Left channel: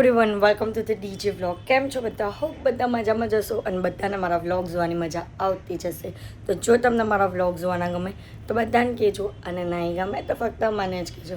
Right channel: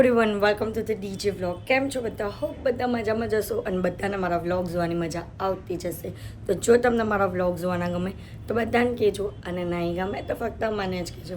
Everyone welcome to the DJ vlog. કેમ છો બધા? હોપ બધા મજામાં જશો અને બધાને મારા વ્લોગ જોવાની મજા આવતી જશે. તો જો તમને મારા વ્લોગ જોવાના ગમે તો બધાને કહેજો, અને નહીં ગમે તો ફક્ત મને જ કહેજો.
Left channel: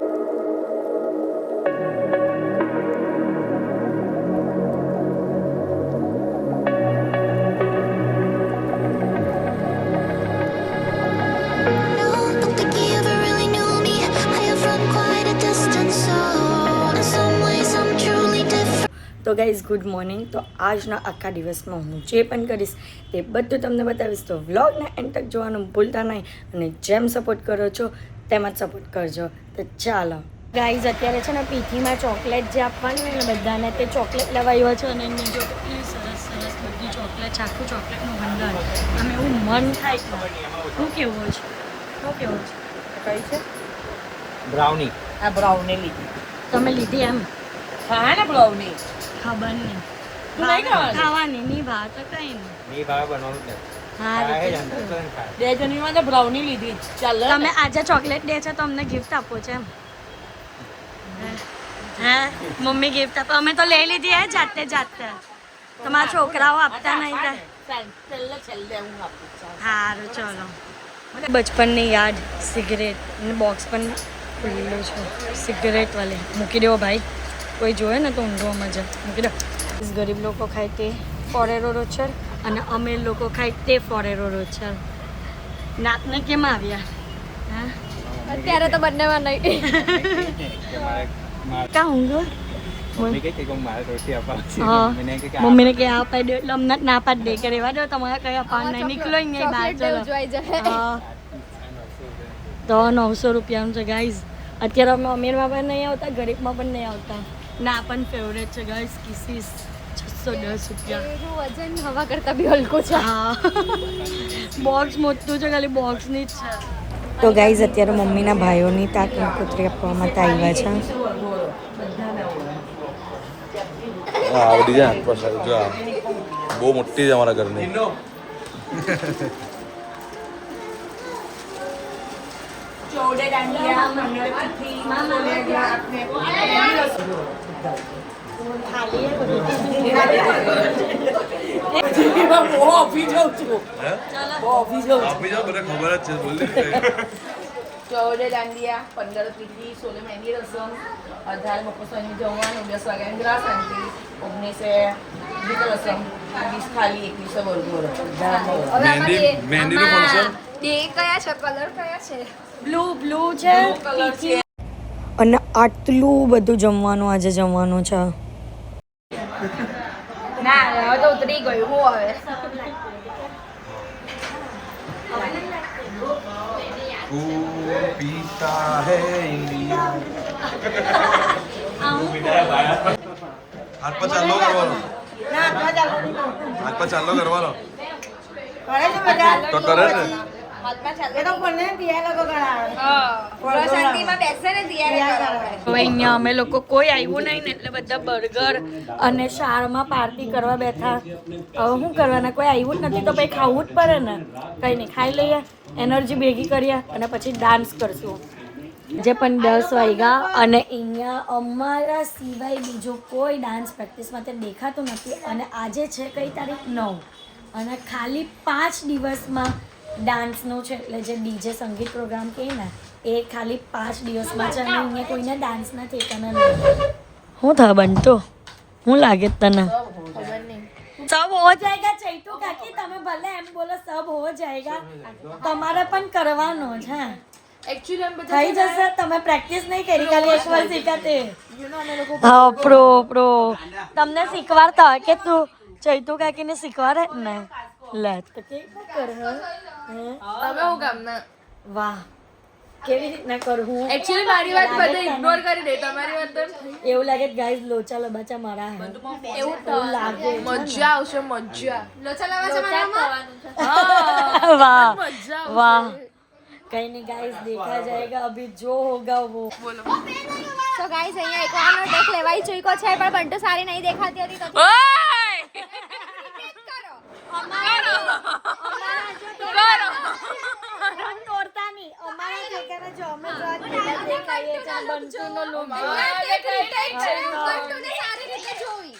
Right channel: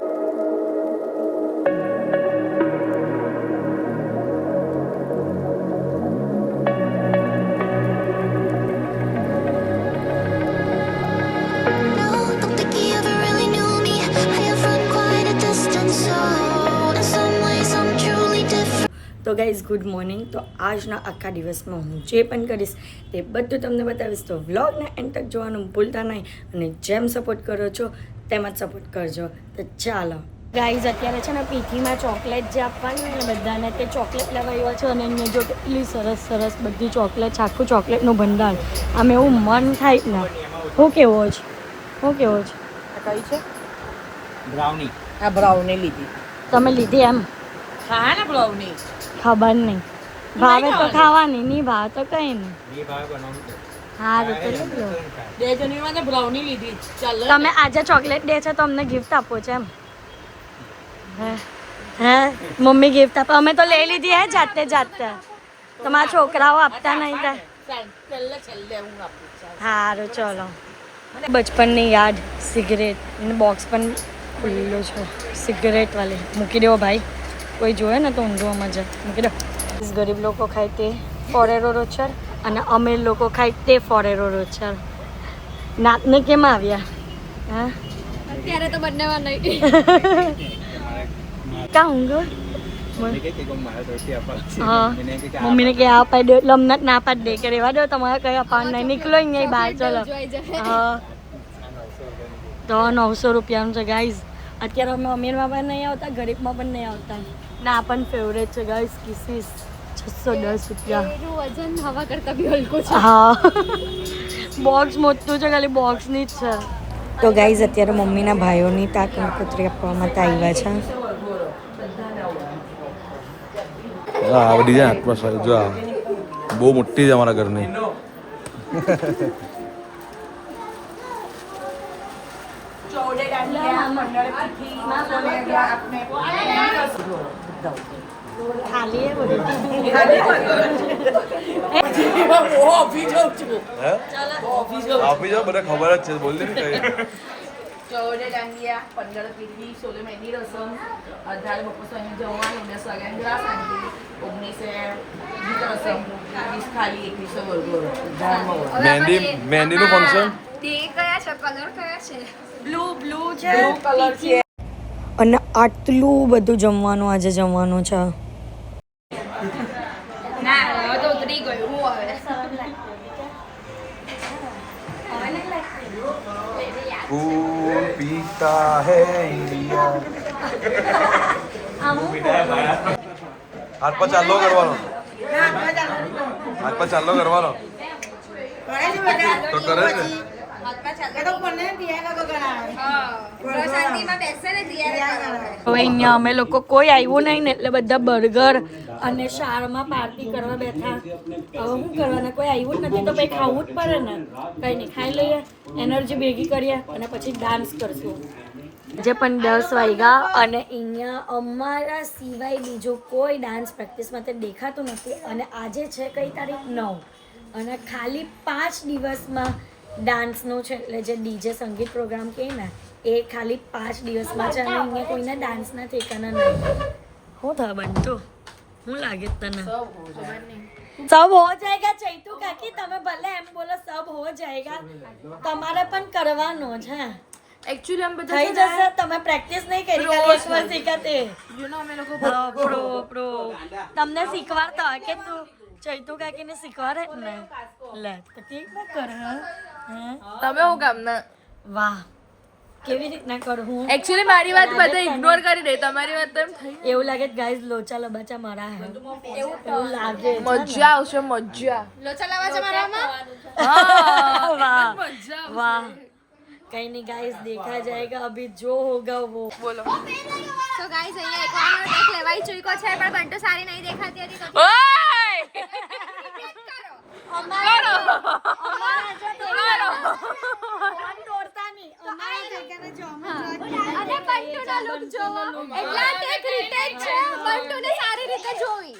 તો ગાઈઝ ગુડ મોર્નિંગ. તો આજના આખા દિવસમાં હું જે પણ કરીશ એ બધું તમને બતાવીશ. તો વ્લોગને એન્ડ તક જોવાનું ભૂલતા નહીં, અને જેમ સપોર્ટ કરો છો તેમ જ સપોર્ટ કરજો. તો ચાલો ગાઈઝ, અત્યારે છે ને પીઠીમાં ચોકલેટ જે આપવાની હોય ને બધાને, તે ચોકલેટ લેવાયો છે. અને એને જો કેટલી સરસ સરસ બધી ચોકલેટ, આખું ચોકલેટનું ભંડાર. આમ એવું મન થાય ને. શું કેવો છે? શું કેવો છે? કઈ છે? બ્રાઉની. આ બ્રાઉની લીધી. તમે લીધી એમ? હા ને બ્રાઉની. ખબર નહીં, ભાવે તો ખાવાની, નહીં ભાવ તો કઈ નહીં. ની ભાવ બનાવું હા રીતે બે જણીમાં તો બ્રાઉની લીધી. ચાલો તમે આજે ચોકલેટ ડે છે તો અમને ગિફ્ટ આપો છો એમ? હા, મમ્મી ગિફ્ટ આપો. અમે તો લઈ લીધી હે જાતે જાતે. તમારા છોકરાઓ આપતા નહીં તો છેલ્લે હું આપું છું. સારું, ચલો. બચપનની યાદ, સિગરેટ બોક્સ પણ ખુલ્લું છે. સિગરેટ વાળી મૂકી દેવો ભાઈ, કોઈ જોવે ને તો ઊંધો મજા. મૂકી દો. ગરીબ લોકો ખાય તે ફોરેરો રોચર, અને અમીર લોકો ખાય તે ફોરેરો રોચર. નાતને કેમ આવ્યા? હા, અત્યારે તો બંનેમાં નહીં. ક્યાં ઊંઘો? મમ્મી કે કોમ મારે રોટી આપવા હા, મને કે મમ્મીને કે આ પાડી દો એટલે અમને ના પાડી દે કે રેવા દો, તમારે કઈ અપાન નહીં. નીકળો અહીંયા બહાર, ચલો. હા, તો 900 રૂપિયાનું છે ગાઈઝ. અત્યારે અમે અમીરમાં પણ નહીં આવતા, ગરીબમાં પણ નહીં આવતા. ના પણ ફેવરેટ છે ગાઈઝ, કિસીસ 610 રૂપિયા. વજન હવા કરતા બી હલકો છે. હા, બોક્સ મોટું છે, ખાલી બોક્સની જ છે. તો ગાઈઝ અત્યારે મમ્મીના ભાઈઓની તાક કુતરી આપવા માટે આવ્યા છે. બહુ મોટી છે અમારા ઘરની. આપી જાઉં છું. આપી જાઓ, બધા ખબર જ છે. બોલ દે. 14 દાંડિયા, 15 પીઠી, 16 મહેંદી રસમ, 18 બપોરની જમવાનું, 10 વાગ્યાની ગ્રાસ આંટી, 19 ગીત રસમ, 20 થાળી, 21 વરગોળ. મહેંદીનું ફંક્શન. ડે કયા છે? કલર કયા છે? બ્લુ છે, અને આટલું બધું જમવાનું આજે જમવાનું છે. ના, તો ઉતરી ગયું હોય. खून पीता है इंडिया. हाथ पर चालो करवालो. हाथ पर चालो करवालो. तो करे ने. હવે અહીંયા અમે લોકો કોઈ આવ્યું નહીં ને એટલે બધા બર્ગર અને શાળામાં પાર્ટી કરવા બેઠા. હવે શું કરવાના? કોઈ આવ્યું જ નથી તો ભાઈ ખાવું જ પડે ને. કંઈ નહીં, ખાઈ લઈએ, એનર્જી ભેગી કરીએ અને પછી ડાન્સ કરશું. જે પણ 10 વાગ્યા, અને અહીંયા અમારા સિવાય બીજું કોઈ ડાન્સ પ્રેક્ટિસ માટે દેખાતું નથી. અને આજે છે કઈ તારીખ? 9. અને ખાલી 5 દિવસમાં ડાન્સનો છે, એટલે જે ડીજે સંગીત પ્રોગ્રામ કહે ને એ ખાલી 5 દિવસમાં છે. અને અહીંયા કોઈને ડાન્સના ઠેકાના નહીં. શું થાય બનતો? શું લાગે તને? સબ હો જાયગા. ચૈતુ કાકી તમે ભલે એમ બોલો, સબ હો જાયગા, તમારે પણ કરવાનો છે. એકચ્યુઅલી અમે થઈ જશે. તમે પ્રેક્ટિસ નહીં કરી, ખાલી એક વાર શીખાતે. હા, પ્રો તમને શીખવાડતા હોય કે તું ચૈતુ કાકીને શીખવાડે ને. લે તો કેવી રીતના કર? તમે હું કામ ના. વાહ, કેવી રીતના કરું હું? એકચ્યુઅલી મારી વાત બધા ઇગ્નોર કરી દે, તમારી વાત તો એવું લાગે ગાઈઝ લોચા લબાચા મારા હે, એવું લાગે છે ને. મજા આવશે. મજા લોચા લાવા છે મારામાં. વાહ મજા વાહ. કઈ નહીં ગાઈઝ, देखा जाएगा अभी जो होगा वो. બોલો. તો ગાઈઝ અહીંયા એકવાનો ટેક લેવાઈ ચૂક્યો છે, પણ બંટુ સારી નહીં દેખાતી હતી તો ઓય કરો. તોડતા નહીં. અમારા અને બંટુનો look જોવો. એટલે ટેક retake છે, બંટુને સારી રીતે જોઈ.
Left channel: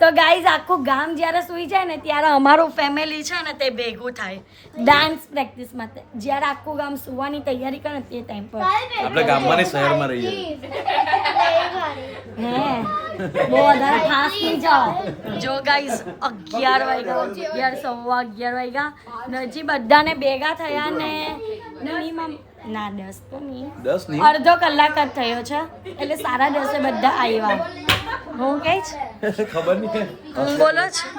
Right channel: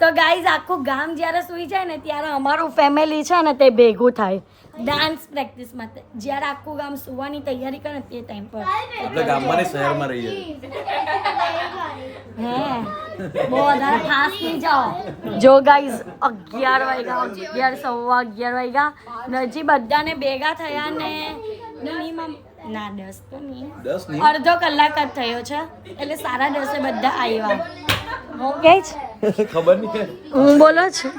તો ગાઈઝ આખું ગામ જ્યારે સૂઈ જાય ને ત્યારે અમારું ફેમિલી છે ને તે ભેગું થાય ડાન્સ પ્રેક્ટિસ માટે. જ્યારે આખું ગામ સૂવાની તૈયારી કરે ને તે ટાઈમ પર આપણે ગામમાં નહીં શહેરમાં રહી જાય. હે બહુ વધારે ખાસ નહીં જાઓ. જો ગાઈઝ 11 વાગ્યા 11 વાગ્યા ને હજી બધાને ભેગા થયા ને મિનિમમ ના 10 તો નહીં 10 નહીં અડધો કલાક જ થયો છે એટલે 10:30 બધા આવ્યા. હું કઈ છે ખબર નહીં હું બોલો છું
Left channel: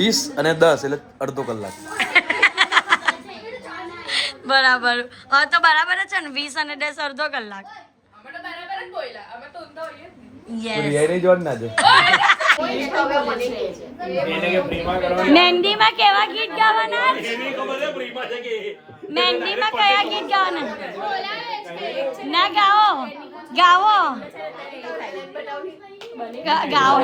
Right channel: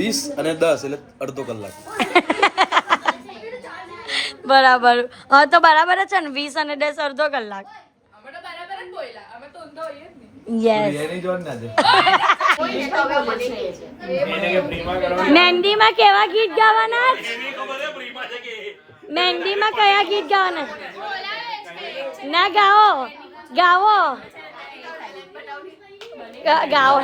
20 અને 10 એટલે અડધો કલાક. બરાબર. હા તો બરાબર જ છે ને 20 અને 10 અડધો કલાક. યસ બિરિયાની જોડ ના દે. મહેંદીમાં કેવા ગીત ગાવાના? મહેંદીમાં કયા ગીત ગાવાના? ના ગાઓ ગાઓ ગાઓ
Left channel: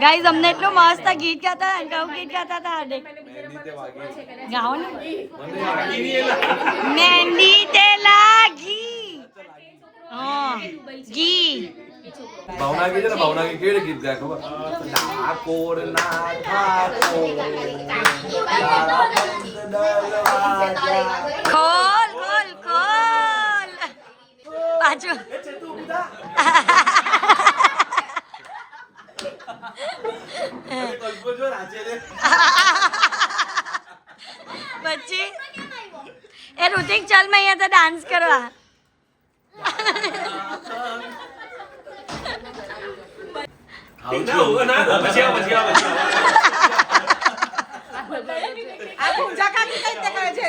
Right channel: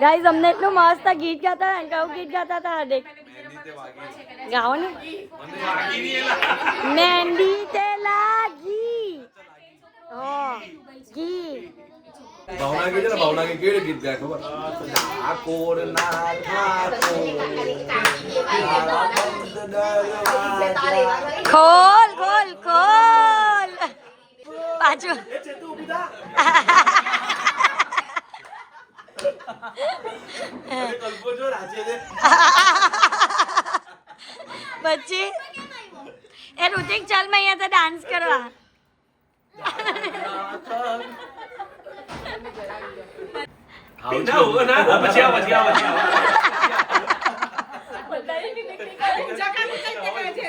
ગાઈઝ અમને એટલું મસ્ત ગીત ગાતા કયું ગીત ગાતા હતા હડે ગાઓ ને મહેંદી તે લાગી ઘી ભાવના ગીત છે ને ભાવના ગીત કેવી ગીત ગાય ખબર? ઠાકોર ના ખોલ ખોલ ખોલ પાછું પછી એ ઋતિક ચાલ મેં અહીંયા તો ડાન્સ કરવા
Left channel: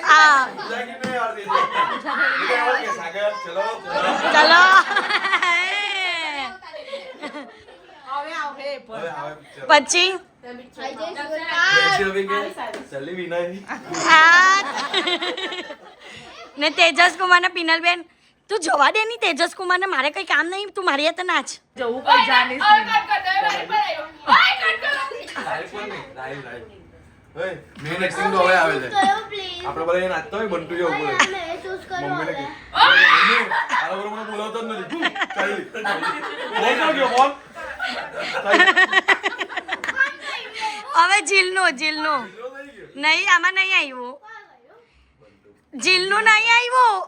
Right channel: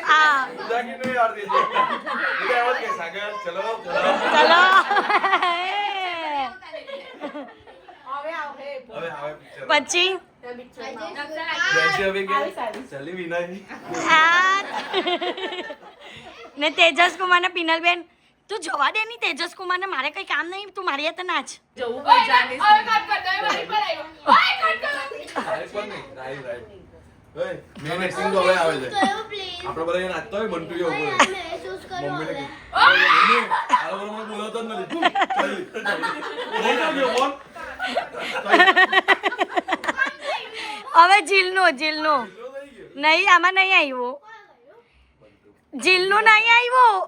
હા ચલો પછી ને તેજસ કુમાર ને પિનલબેન તું જવા દે ની તેજસ કુમાર ને મારે કઈ કામ નહીં તું મારી હાથે નાચ જવું કોઈ જાણીશ મેન એક્ટિંગ તો હવે આવે છે. આપણે બધા નાચતા હોય બંટુ જેવું બોલે. મમ્મીને કે મમ્મી આ લોકો મને બોલાવતો જ નથી. હવે જીલનું નહીં આમાં નહીં આવ્યું જીલનું નહીં આવ્યું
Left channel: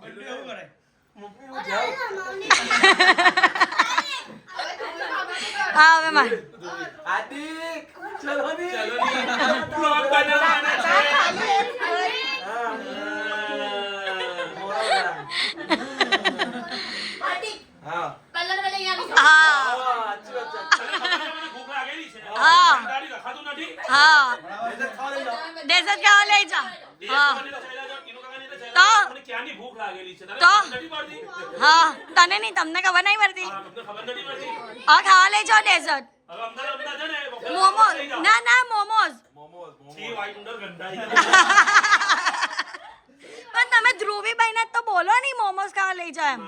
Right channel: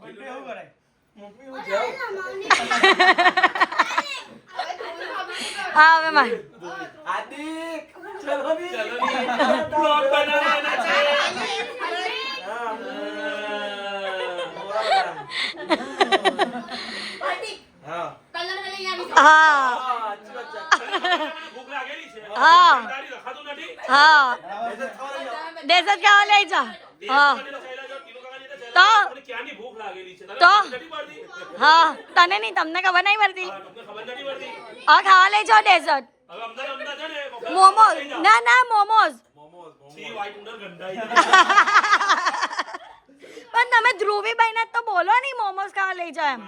હા હવે માર હા ડેઝર્ટ ખાવા લઈ જા હા તો હા તને નહીં તમને ખબર નહીં પડતી હા ખાવા લઈ જાઓ ડેઝર્ટ મોમોઝ ના મોમોઝ પણ તમે ધ્રુવીભાઈ ને તો બોલો નહીં મોમોઝ ખાવા લઈ જાઓ એમ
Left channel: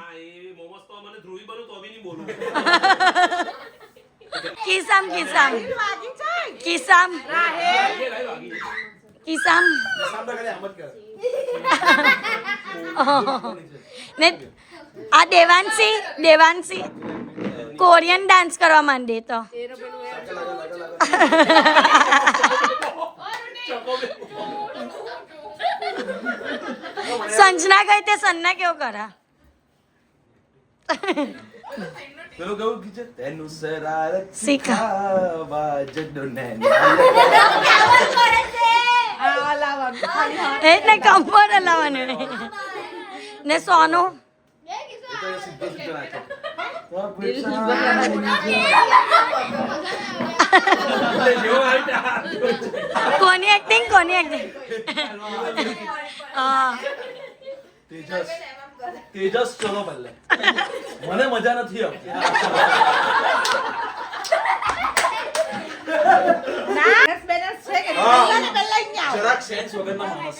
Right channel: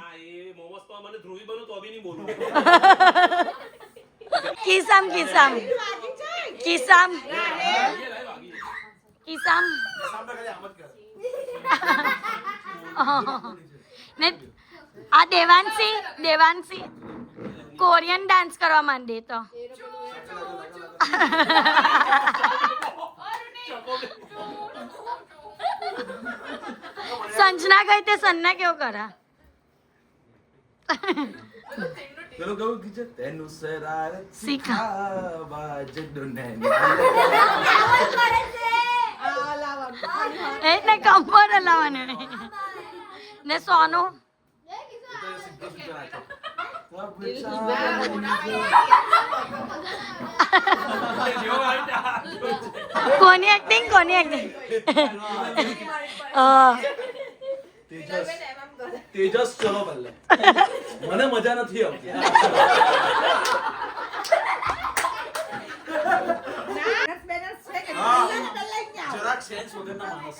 કિસામ ને આ દેવાંશી કોરિયન ડાન્સ કરવા માંડે તો સંજના ગઈ તે સન્ના કેવો કરા પેલું કેવું ગીત છે? તેનું શરારત શીખા એટલે કમ્ફર્ટ લાવવાનું ને સોનું કોની એક્ટિંગ તેજસ ચલો પહેલે મને મજા નથી આવતી. જરાક સેન્સ વગરના માણસ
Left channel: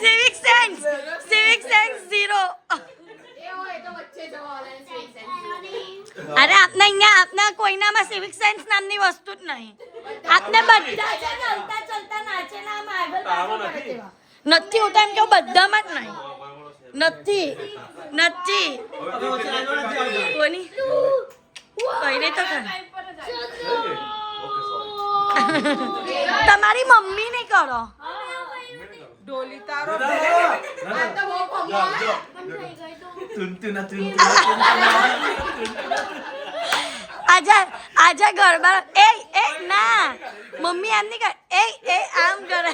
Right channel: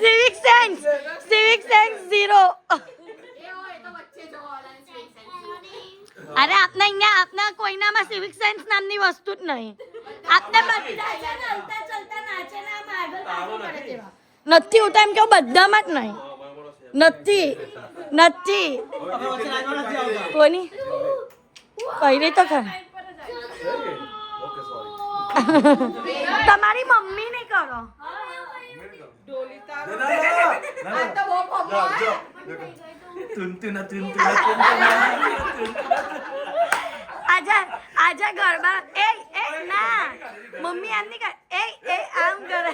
સિવિક સેન્સ 0 અરે આપને અહીંયા આપના કોઈનામાં સિવિક સેન્સ નામની વસ્તુ જ નહીં. આપને બધા છે ને હલતા ચલતા નાચે ને આમ આગળ પાછળ કરે તેવા. નથી હું તો એમ કહું બધામાં જ નહીં. નથી કોની કઈ તો ખરા ઓકે સોરી. તમારી મમ્મી ને કરો. આજે ગરબા એ ના મમ્મી આમ નહીં કરે એ આમ કરે.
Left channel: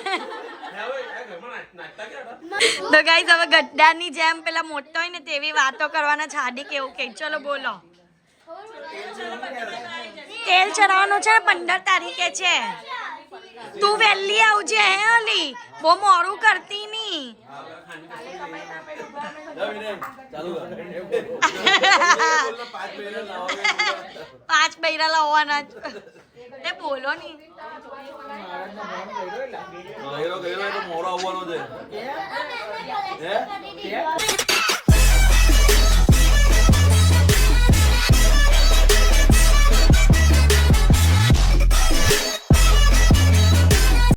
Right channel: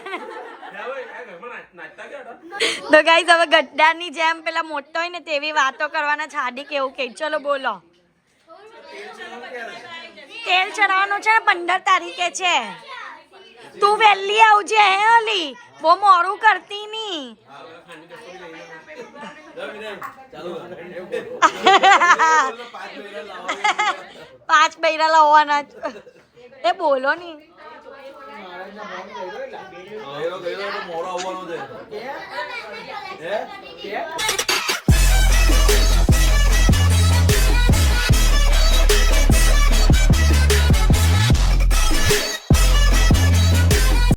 તો ગાઈસ હવે ગદ્દારની જેમ પેલા મોટો હોય ને તેવી વાતો કરવાના છાડી કેવું કે ચલો બોલો. તેલ ચડાવવાનું છે ને 15 તારીખે છે. તું વહેલી આવજે હે અલી બહુ મોડું કરતી ની. પાંચ બૈરા લાવવાના એ બોલો ની. મોડો આવવાનો છે.